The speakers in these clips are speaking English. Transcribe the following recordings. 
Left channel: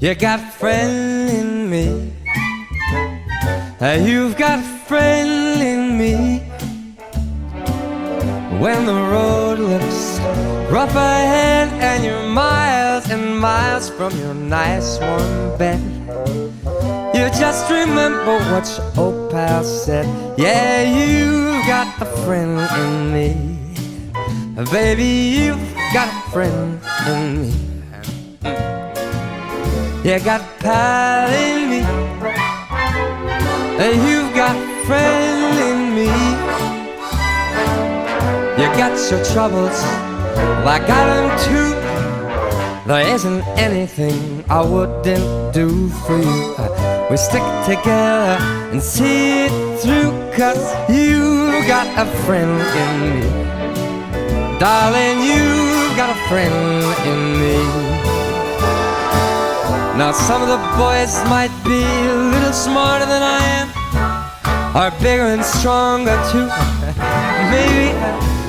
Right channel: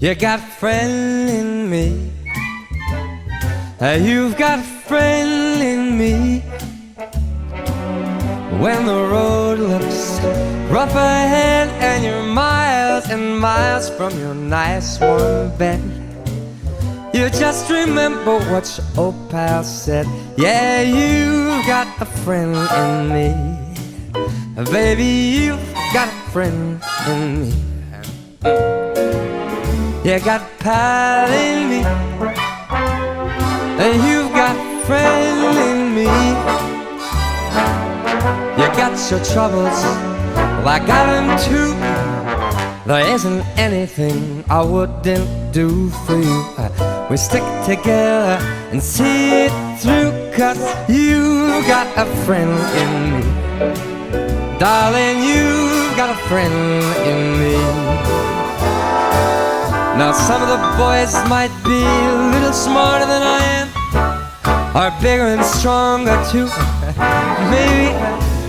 You got a friend in me. You've got a friend in me. When the road looks rough ahead and you're miles and miles from your nice warm bed, you just remember what your old pal said. Yeah, you've got a friend in me. Baby, you've got a friend in me. You got pal in me. And you've got friend in me. You got your troubles, well, I got them too. There isn't anything I wouldn't do for you. We stick together and see it through, cause you got a friend in me. Darling, you've got a friend in me. Now, some of the boys might be a little smarter than I am, or bigger and stronger too. Maybe,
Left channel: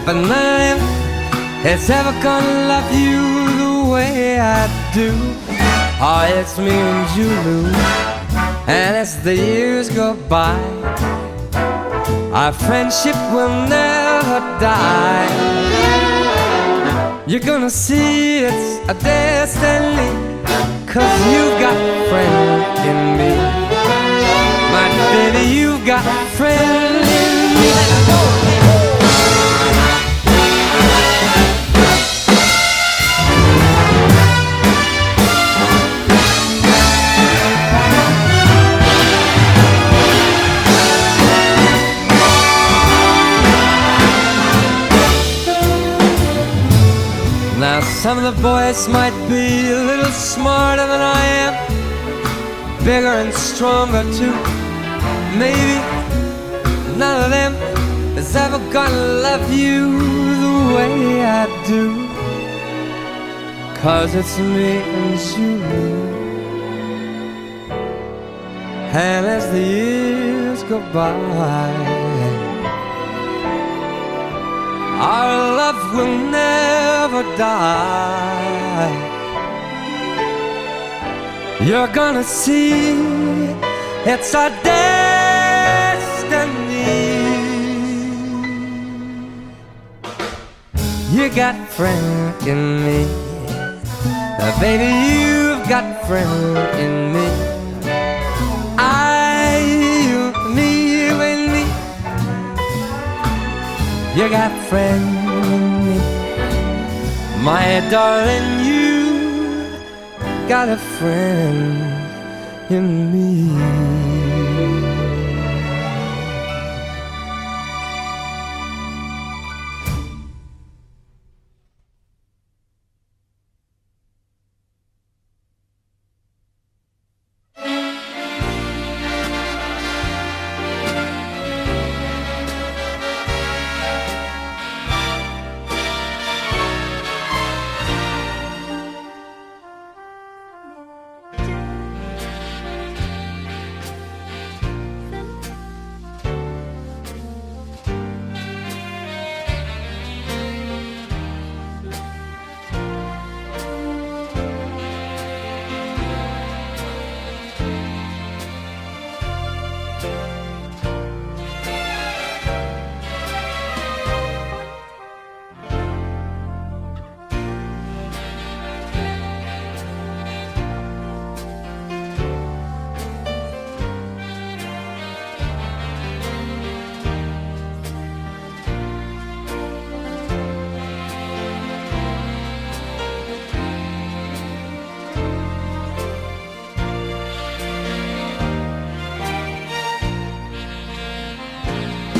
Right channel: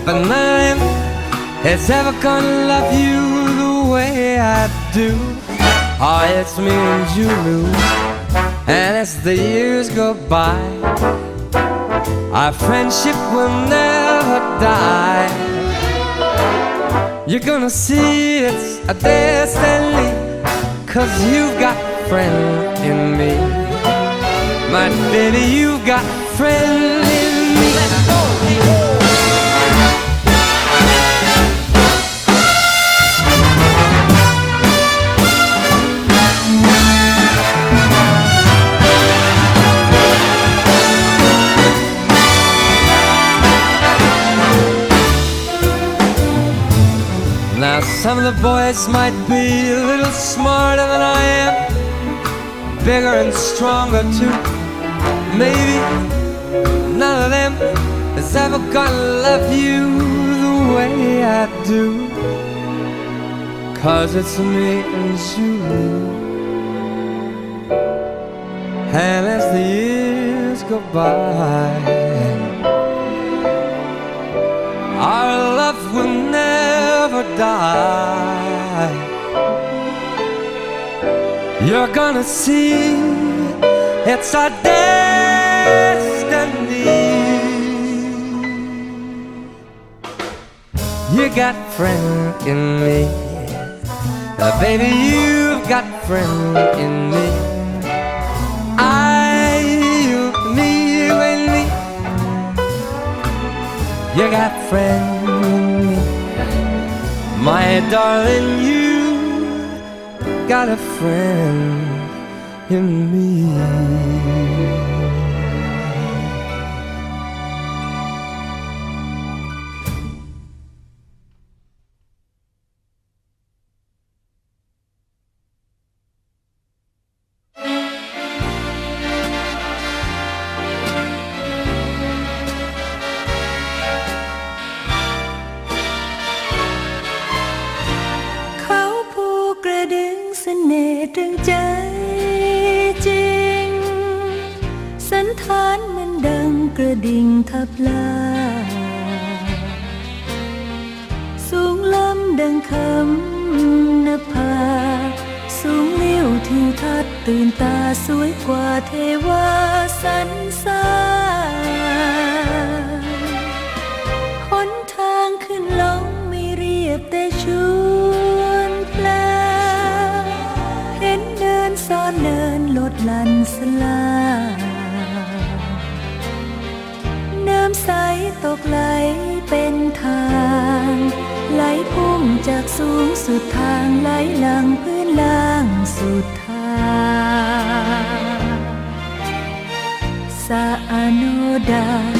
but none of them is ever gonna love you the way I do. Oh, it's me and Julu, and as the years go by, our friendship will never die. You're gonna see it's a destiny, cause you've got friend in me. My baby, you've got friend some of the boys might be a little smarter than I am, bigger and stronger too. Maybe none of them is ever gonna love you the way I do. Cause it's me and you. And as the years go by, our love will never die. You're gonna see it's our destiny. You got friend in me. Baby, you've got friend in me. You got a friend in me. My darling, you got a friend in me. ။ น่ห์ตรึงใจจริง สันฐานมันดังกระดิ่งทับลา สูงล้ำดังคำนภา สูงเลิ้ยวทิวทัศน์ตื่นตาสวยกว่าเทวาสันสา สูงสุดทางไหลหลังพื้นล่างสุดทาง สะอาโนดาดา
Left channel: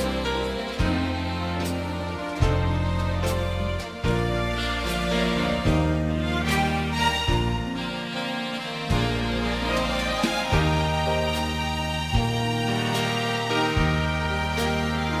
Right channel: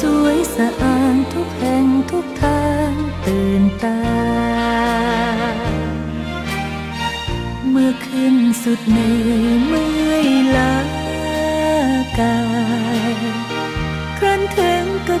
สวยสะอาดทุกแห่งทุกทางตื่นตา เมื่อขึ้นสุดเหนือเมื่อยล้ากายครั้นถึงก็